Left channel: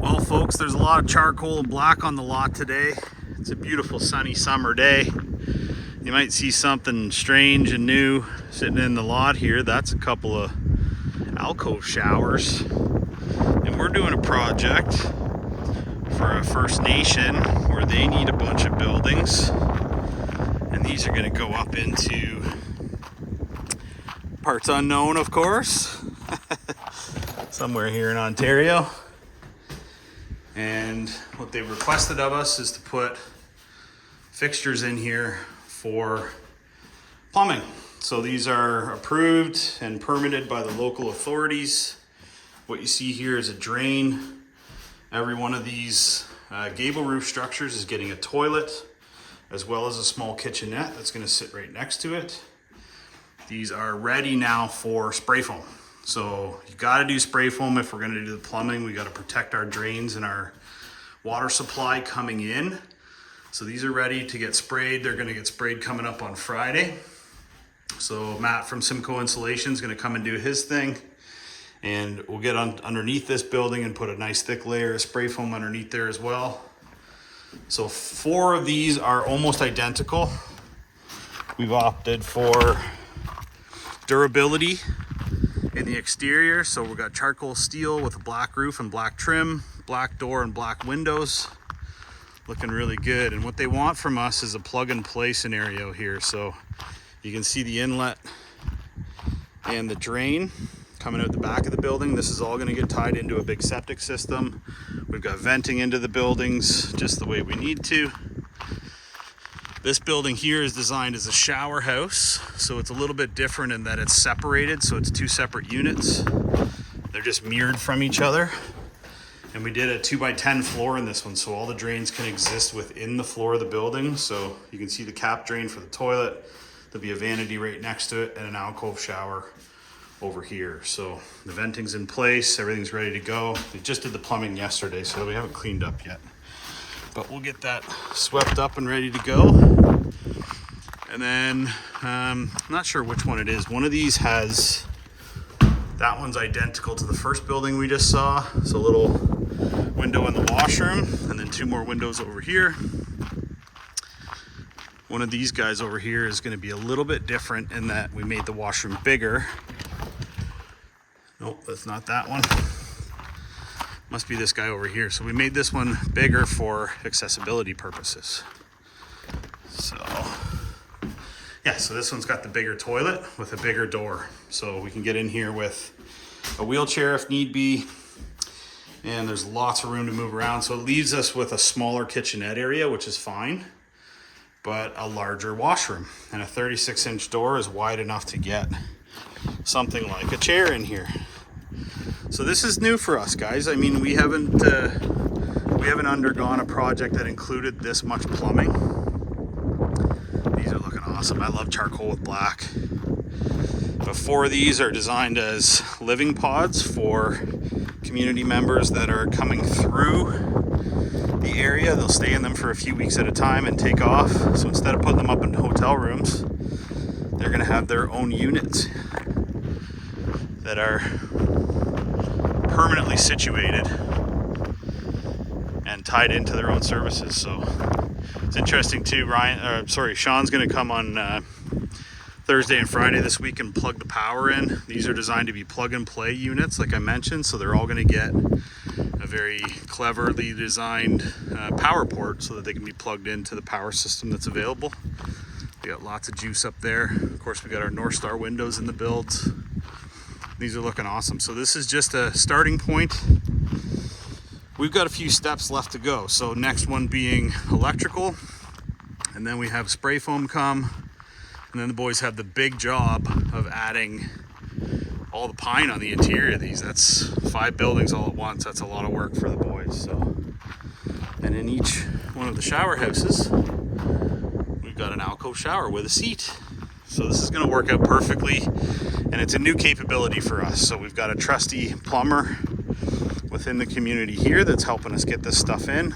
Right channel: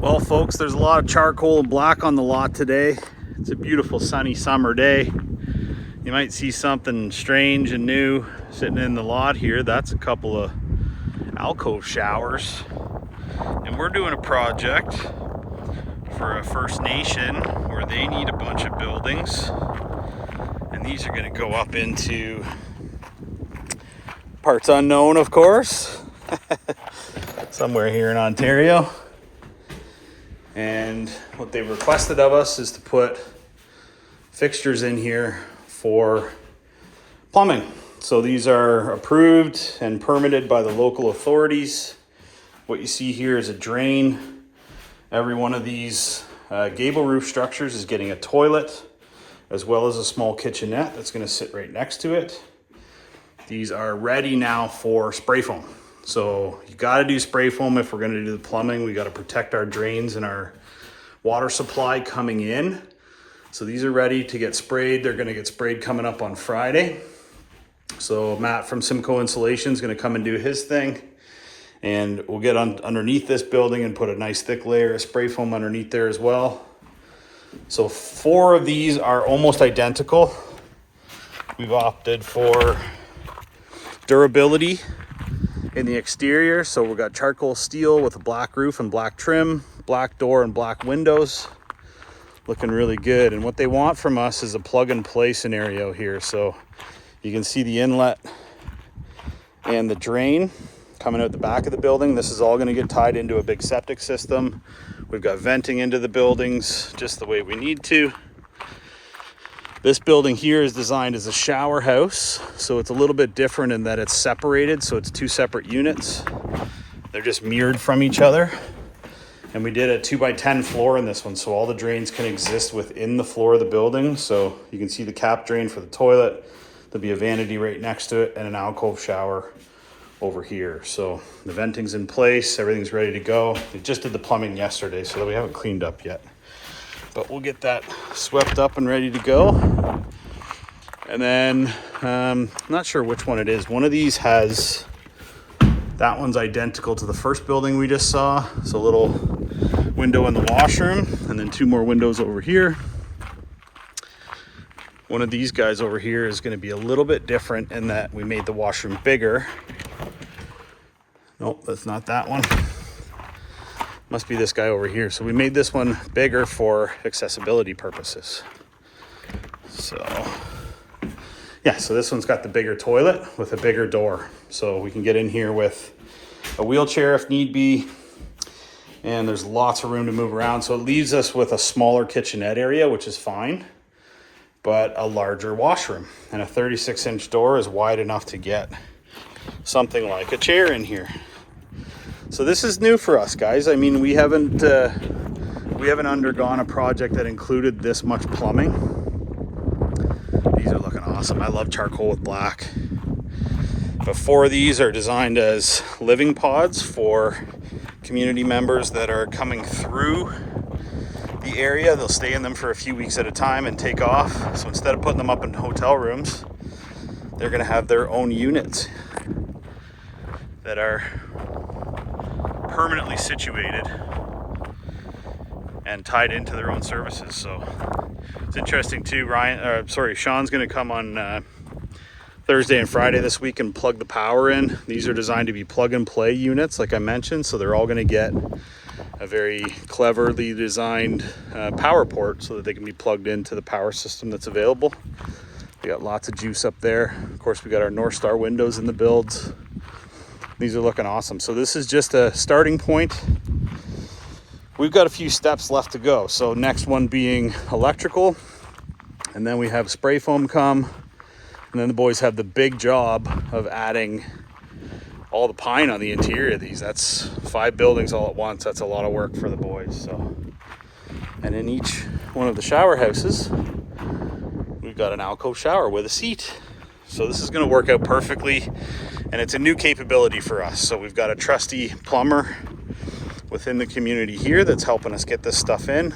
Well, folks, there's a lot of charcoal and black on the lot today. It's a beautiful sunny summer day. You might see something strange and new sitting in the lot here. That's a couple of alcove showers. And we're doing a project for a First Nation where they need a bunch of buildings. And these are going to go up into parts unknown, of course, somewhere here in Ontario. And what they requested of us is to put fixtures in here for plumbing. So these are approved and permitted by the local authorities. What you see here is a drain. Every one of these gable roof structures is getting a toilet, as well as a small kitchenette that's going to sit right next to it. These are ready now for spray foam. So you got to do spray foam if we're going to do the plumbing. We got to protect our drains and our water supply coming in. So these are ready to get sprayed. They're going to get sprayed coming up on Friday. So Matt from Simcoe Insulation is going to come and do his thing. And we'll get underneath this building and put a nice thick layer of spray foam underneath there as well. So 4 of these are almost identical. We've opted for durability in the exterior. So we've got charcoal steel with a black roof and black trim, black door and black windows. Looking really good. And what they want from us is a plug and play scenario here. So you can see the inlet and the drain coming out the back of the building. This is all going to get tied into a big septic system. We've got venting into the buildings just the way we need to. This building here is designed as a shower house, so it's a little bit different in that it's separated, so it's 2 separate units. They're just mirrored from each other. And we did a 2x10 floor in this one, so all the drains can exist within the floor of the building. So you can see the cap drain for the toilet. There'll be a vanity right next to it and an alcove shower over here. So the venting's in place, everything's ready to go. We just did the plumbing yesterday, so we haven't cleaned up yet. But we'll get that swept up and ready to go. And then, I'm not sure which one it is. One of these has, that one's identical to the first building we just saw. It's a little window in the washroom and then 2 more windows over here. One of these guys over here is going to be a little bit different in that we made the washroom bigger. Nope, that's not that one. Must be this guy over here. So we made this one bigger for accessibility purposes. So yeah, so this one's got the bigger toilet with a bigger door. So we can get in here with a wheelchair if need be. And there's lots of room to move around. So it leaves us with a smaller kitchenette area, which is fine, but a larger washroom. And a 36-inch door is wide enough to get something like a chair in here. So this is new for us, guys. I mean, we haven't undergone a project that included this much plumbing. These are looking awesome. I love charcoal with black. But 4 of these are designed as living pods for community members that are coming through the area. They'll stay in them for a few weeks at a time and take off. So instead of putting them up in hotel rooms, they're going to have their own units that are permanently situated and tied into their own services. So it's interesting too. Sean's going to come on Thursday and Friday this week and plug the power in. These are designed to be plug and play units, like I mentioned, so they're all going to get a very cleverly designed power port so that they can be plugged into the power system that's available. We got lots of juice up there. Of course, we got our North Star windows in the builds. These are looking awesome. So this is just a starting point. We've got a few steps left to go. So next one being electrical, and then we have spray foam come, and then the boys have the big job of adding all the pine on the interior of these. That's 5 buildings all at once. That's a lot of work for the boys. So, and in each one of the shower houses, we've got an alcove shower with a seat. So this is going to work out perfectly, and it's a new capability for us. So we've got a trusty plumber within the community here that's helping us get this stuff in.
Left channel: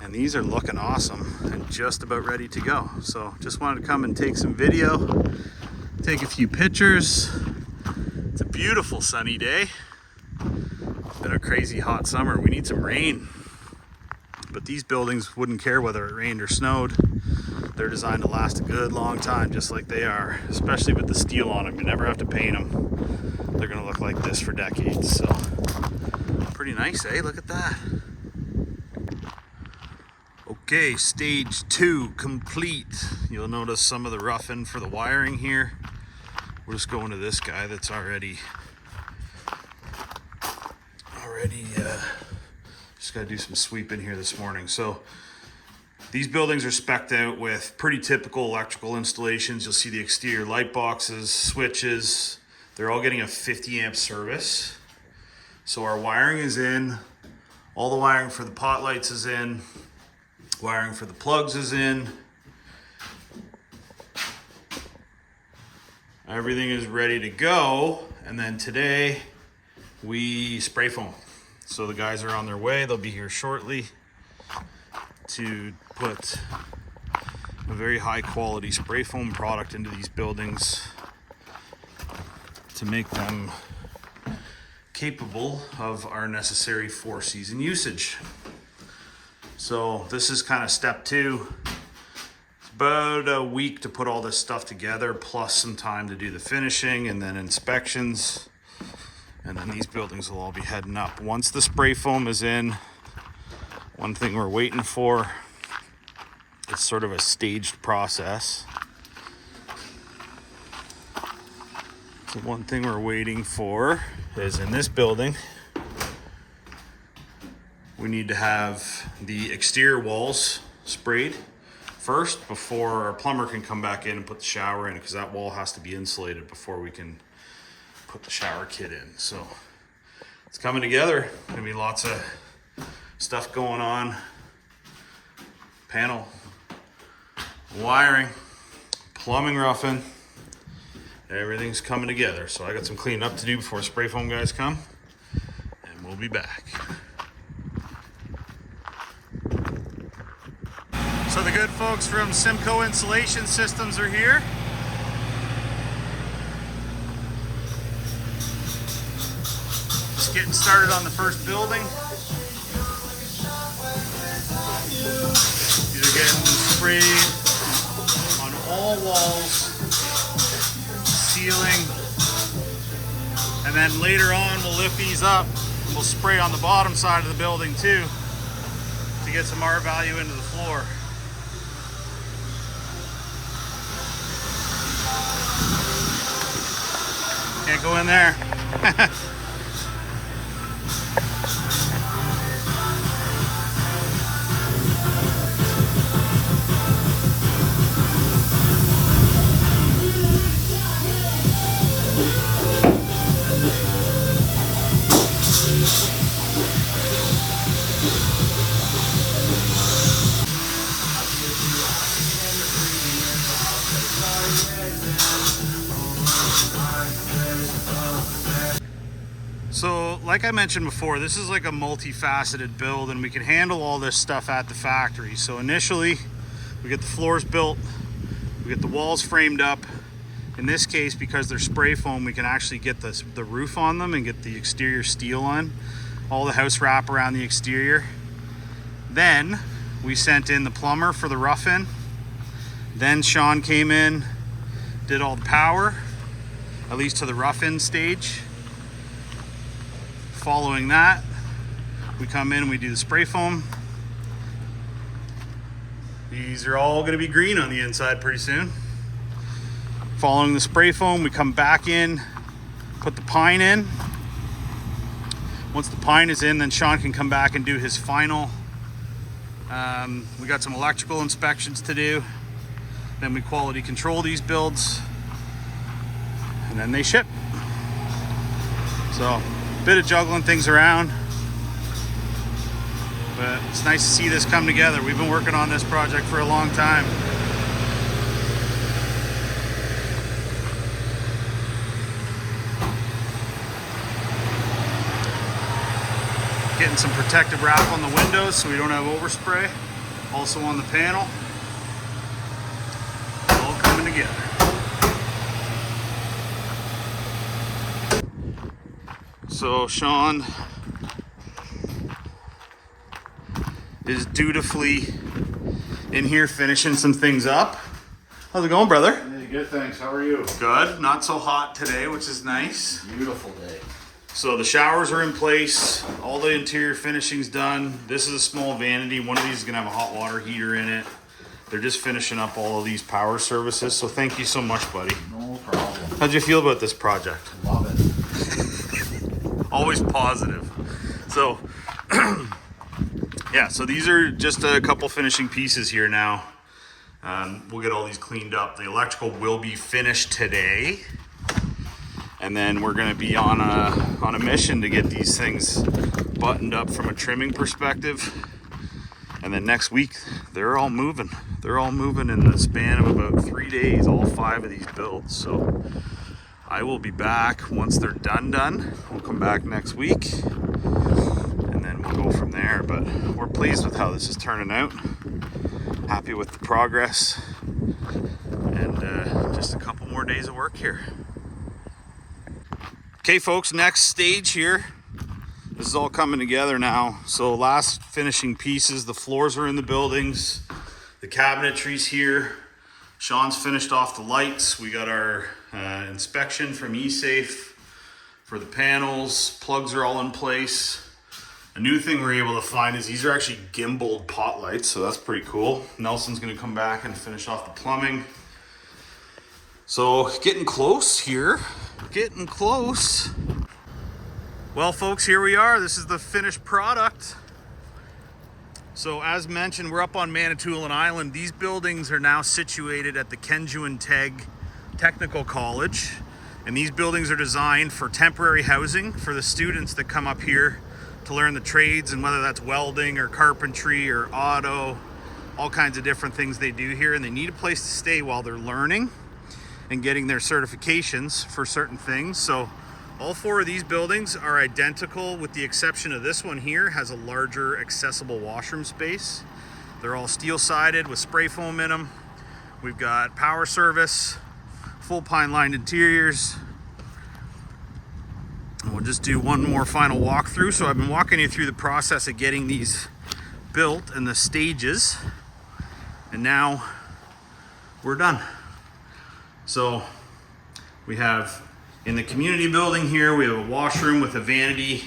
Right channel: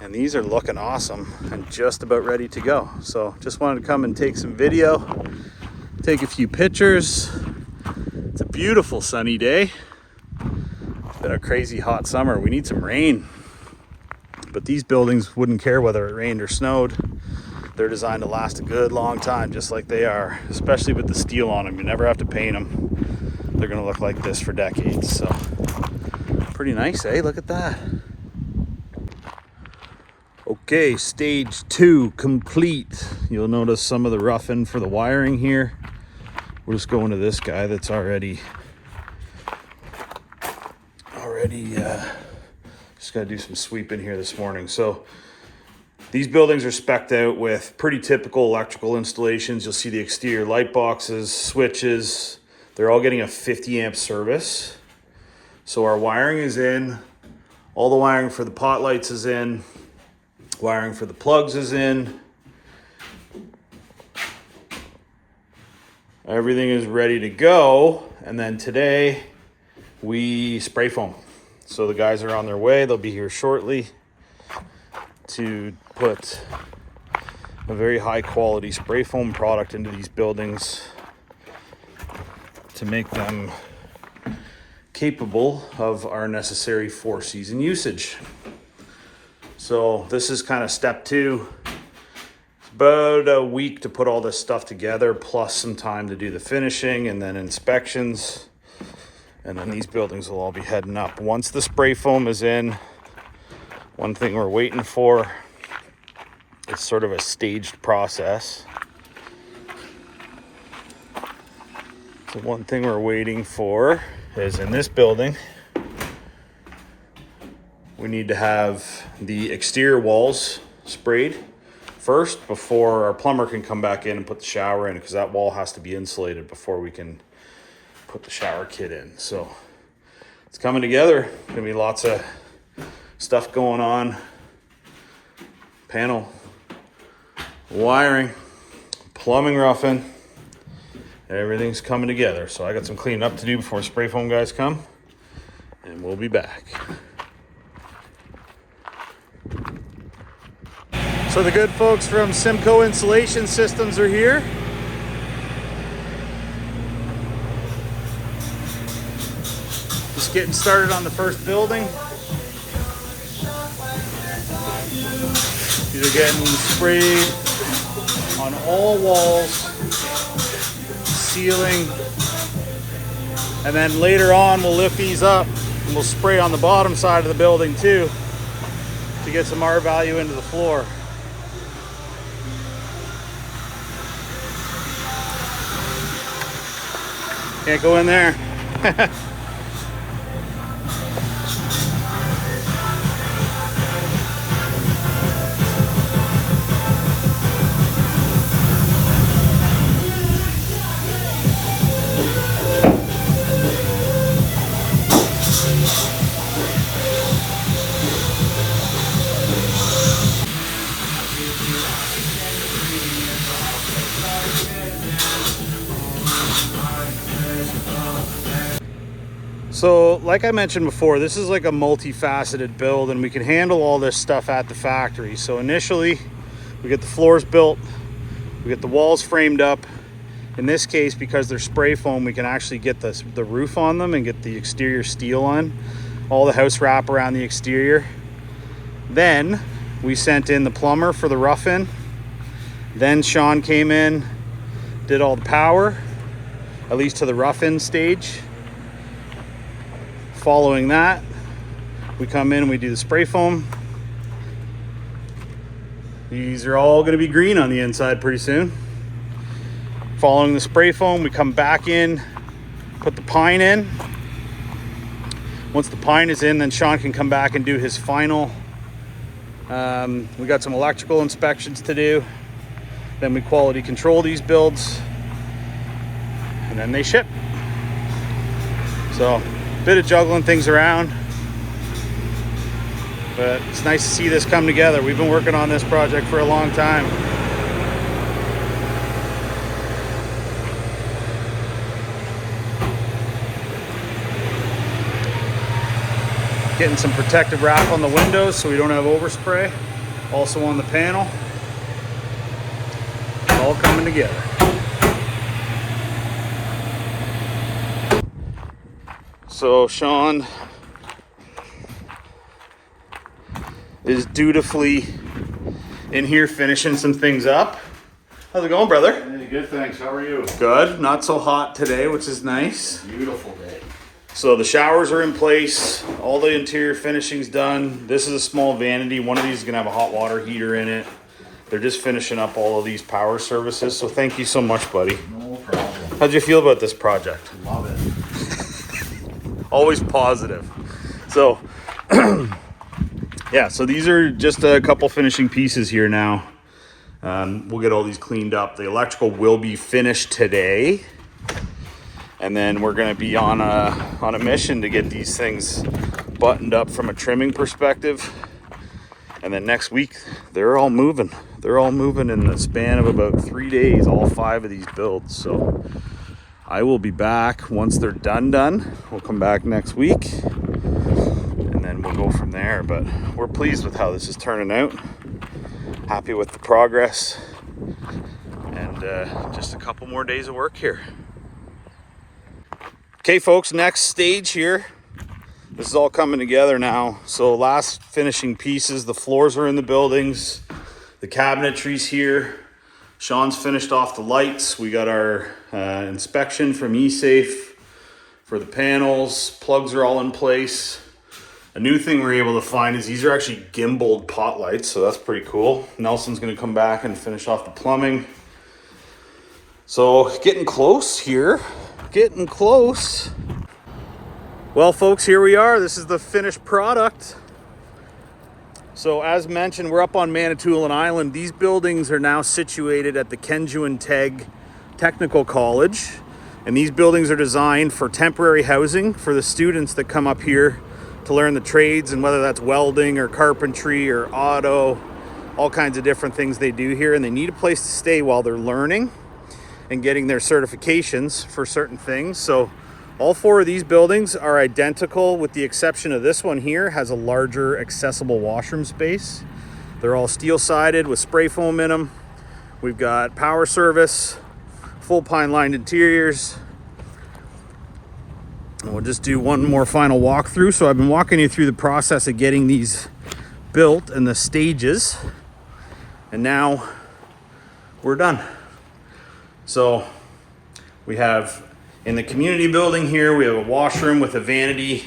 And these are looking awesome and just about ready to go. So just wanted to come and take some video, take a few pictures. It's a beautiful sunny day. been a crazy hot summer. We need some rain. But these buildings wouldn't care whether it rained or snowed. They're designed to last a good long time, just like they are, especially with the steel on them. You never have to paint them. They're gonna look like this for decades. So pretty nice, eh? Look at that. Okay, stage 2 complete. You'll notice some of the roughing for the wiring here. We're just going to this guy that's already just gotta do some sweeping here this morning. So these buildings are spec'd out with pretty typical electrical installations. You'll see the exterior light boxes, switches. They're all getting a 50 amp service. So our wiring is in. All the wiring for the pot lights is in. Wiring for the plugs is in. Everything is ready to go. And then today we spray foam. So the guys are on their way. They'll be here shortly to put a very high quality spray foam product into these buildings to make them capable of our necessary 4-season usage. So this is kind of step 2. It's about a week to put all this stuff together, plus some time to do the finishing and then inspections. And then these buildings will all be heading up. Once the spray foam is in, one thing we're waiting for, it's sort of a staged process. So one thing we're waiting for is in this building, we need to have the exterior walls sprayed first before our plumber can come back in and put the shower in, because that wall has to be insulated before we can put the shower kit in. So it's coming together. Gonna be lots of stuff going on. Panel, wiring, plumbing, roughing. Everything's coming together. So I got some cleaning up to do before spray foam guys come, and we'll be back. So the good folks from Simcoe Insulation Systems are here. Just getting started on the first building. These are getting sprayed on all walls, ceiling, and then later on we'll lift these up and we'll spray on the bottom side of the building too to get some R value into the floor. Can't go in there. So like I mentioned before, this is like a multifaceted build, and we can handle all this stuff at the factory. So initially we get the floors built, we get the walls framed up. In this case, because they're spray foam, we can actually get the roof on them and get the exterior steel on, all the house wrap around the exterior. Then we sent in the plumber for the rough-in. Then Sean came in, did all the power, at least to the rough-in stage. Following that, we come in and we do the spray foam. These are all going to be green on the inside pretty soon. Following the spray foam, we come back in, put the pine in. Once the pine is in, then Sean can come back and do his final. We got some electrical inspections to do. Then we quality control these builds, and then they ship. So bit of juggling things around, but it's nice to see this come together. We've been working on this project for a long time. Getting some protective wrap on the windows so we don't have overspray. Also on the panel. All coming together. So Sean is dutifully in here finishing some things up. How's it going, brother? Hey, good, thanks. How are you? Good. Not so hot today, which is nice. Beautiful day. So the showers are in place. All the interior finishing's done. This is a small vanity. One of these is gonna have a hot water heater in it. They're just finishing up all of these power services. So thank you so much, buddy. No problem. How'd you feel about this project? Love it. Always positive. So, yeah, so these are just a couple finishing pieces here now. We'll get all these cleaned up. The electrical will be finished today. And then we're gonna be on a mission to get these things buttoned up from a trimming perspective. And then next week, they're all moving. They're all moving in the span of about 3 days, all 5 of these builds. So I will be back once they're done. We'll come back next week and then we'll go from there. But we're pleased with how this is turning out. Happy with the progress, and just a couple more days of work here. Okay, folks, next stage here. This is all coming together now. So last finishing pieces, the floors are in the buildings, the cabinetry's here. Sean's finished off the lights. We got our inspection from eSafe for the panels. Plugs are all in place. A new thing we're able to find is these are actually gimbaled pot lights, so that's pretty cool. Nelson's gonna come back and finish off the plumbing. So getting close here, getting close. Well, folks, here we are. This is the finished product. So as mentioned, we're up on Manitoulin Island. These buildings are now situated at the Kenjgewin Teg Technical College. And these buildings are designed for temporary housing for the students that come up here to learn the trades, and whether that's welding or carpentry or auto, all kinds of different things they do here. And they need a place to stay while they're learning and getting their certifications for certain things. So all 4 of these buildings are identical, with the exception of this one here has a larger accessible washroom space. They're all steel sided with spray foam in them. We've got power service, full pine lined interiors. And we'll just do one more final walkthrough. So I've been walking you through the process of getting these built and the stages, and now we're done. So we have, in the community building here, we have a washroom with a vanity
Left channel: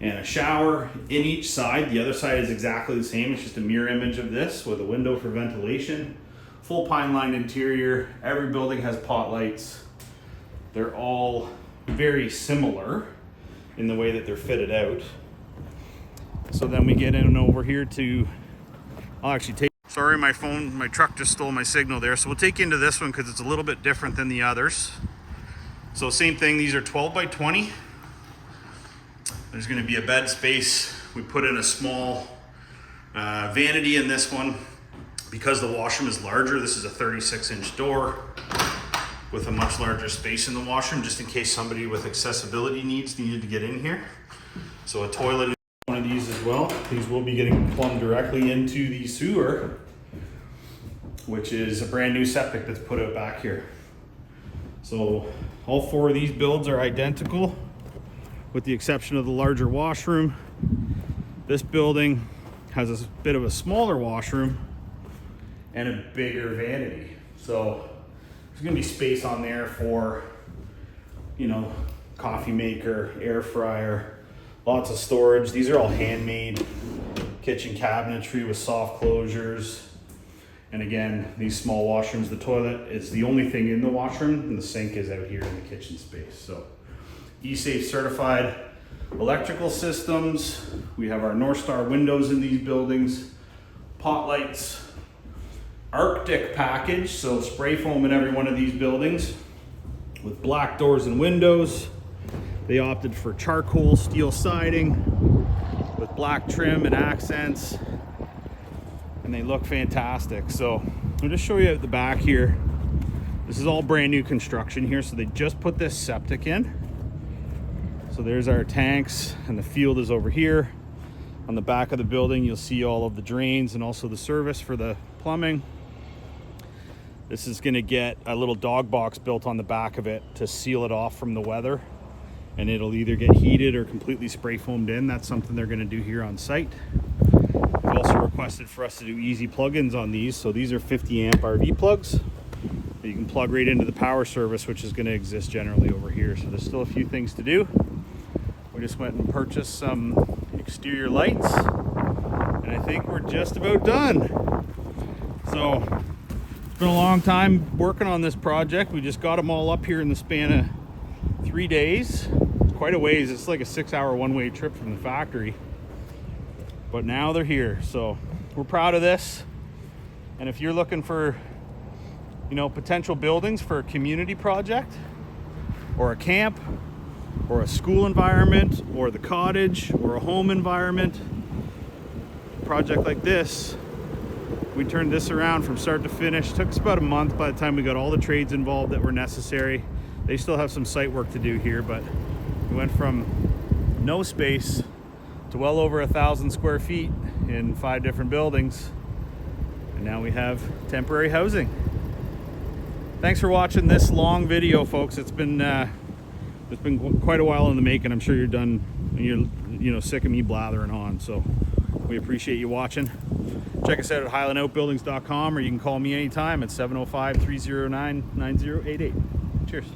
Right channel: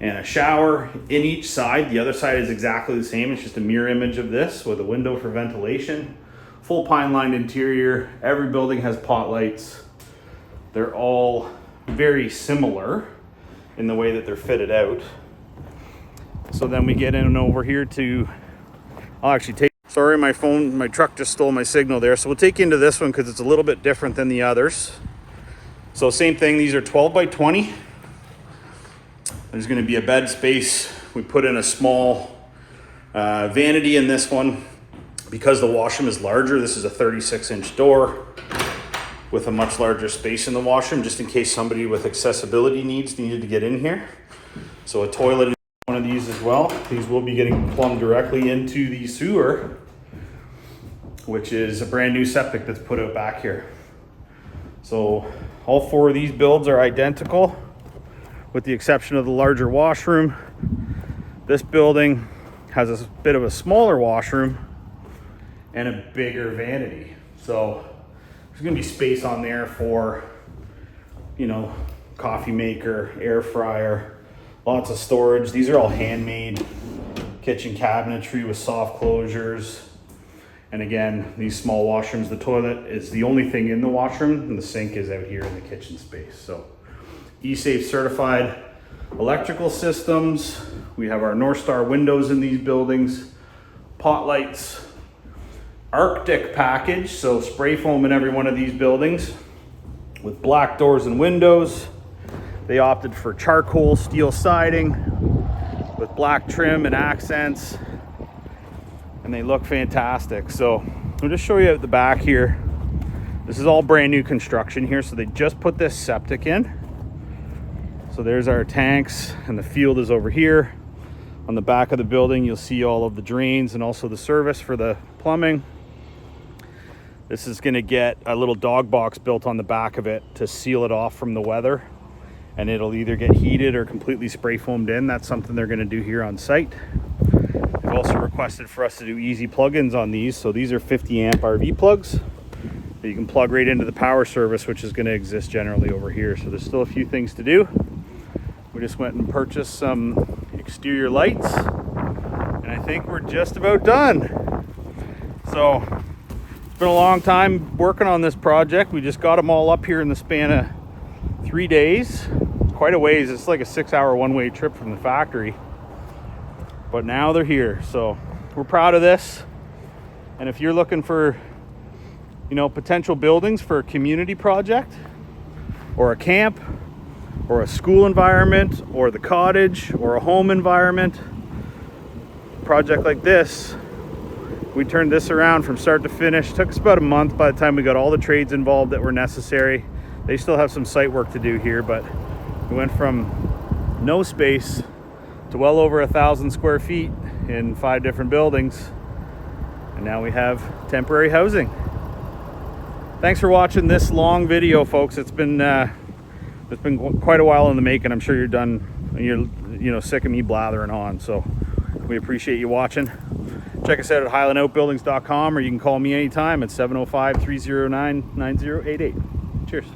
and a shower in each side. The other side is exactly the same. It's just a mirror image of this with a window for ventilation. Full pine lined interior. Every building has pot lights. They're all very similar in the way that they're fitted out. So then we get in over here to, I'll actually take, sorry, my truck just stole my signal there. So we'll take you into this one because it's a little bit different than the others. So same thing, these are 12 by 20. There's gonna be a bed space. We put in a small vanity in this one. Because the washroom is larger, this is a 36-inch door with a much larger space in the washroom, just in case somebody with accessibility needs needed to get in here. So a toilet is one of these as well. These will be getting plumbed directly into the sewer, which is a brand new septic that's put out back here. So all 4 of these builds are identical, with the exception of the larger washroom. This building has a bit of a smaller washroom and a bigger vanity. So there's gonna be space on there for, you know, coffee maker, air fryer, lots of storage. These are all handmade kitchen cabinetry with soft closures. And again, these small washrooms, the toilet is the only thing in the washroom, and the sink is out here in the kitchen space. So eSafe certified electrical systems. We have our North Star windows in these buildings, pot lights, Arctic package, so spray foam in every one of these buildings with black doors and windows. They opted for charcoal steel siding with black trim and accents, and they look fantastic. So I'll just show you out the back here. This is all brand new construction here, so they just put this septic in. So there's our tanks, and the field is over here. On the back of the building, you'll see all of the drains and also the service for the plumbing. This is gonna get a little dog box built on the back of it to seal it off from the weather, and it'll either get heated or completely spray foamed in. That's something they're gonna do here on site. We've also requested for us to do easy plug-ins on these. So these are 50 amp RV plugs that you can plug right into the power service, which is going to exist generally over here. So there's still a few things to do. We just went and purchased some exterior lights, and I think we're just about done. So it's been a long time working on this project. We just got them all up here in the span of 3 days. It's quite a ways. It's like a 6-hour one-way trip from the factory, but now they're here. So we're proud of this. And if you're looking for, you know, potential buildings for a community project or a camp or a school environment or the cottage or a home environment, a project like this, we turned this around from start to finish. Took us about a month by the time we got all the trades involved that were necessary. They still have some site work to do here, but we went from no space to well over 1,000 square feet in 5 different buildings, and now we have temporary housing. Thanks for watching this long video, folks. It's been quite a while in the making. I'm sure you're done. You're sick of me blathering on. So we appreciate you watching. Check us out at HighlandOutbuildings.com, or you can call me anytime at 705-309-9088. Cheers.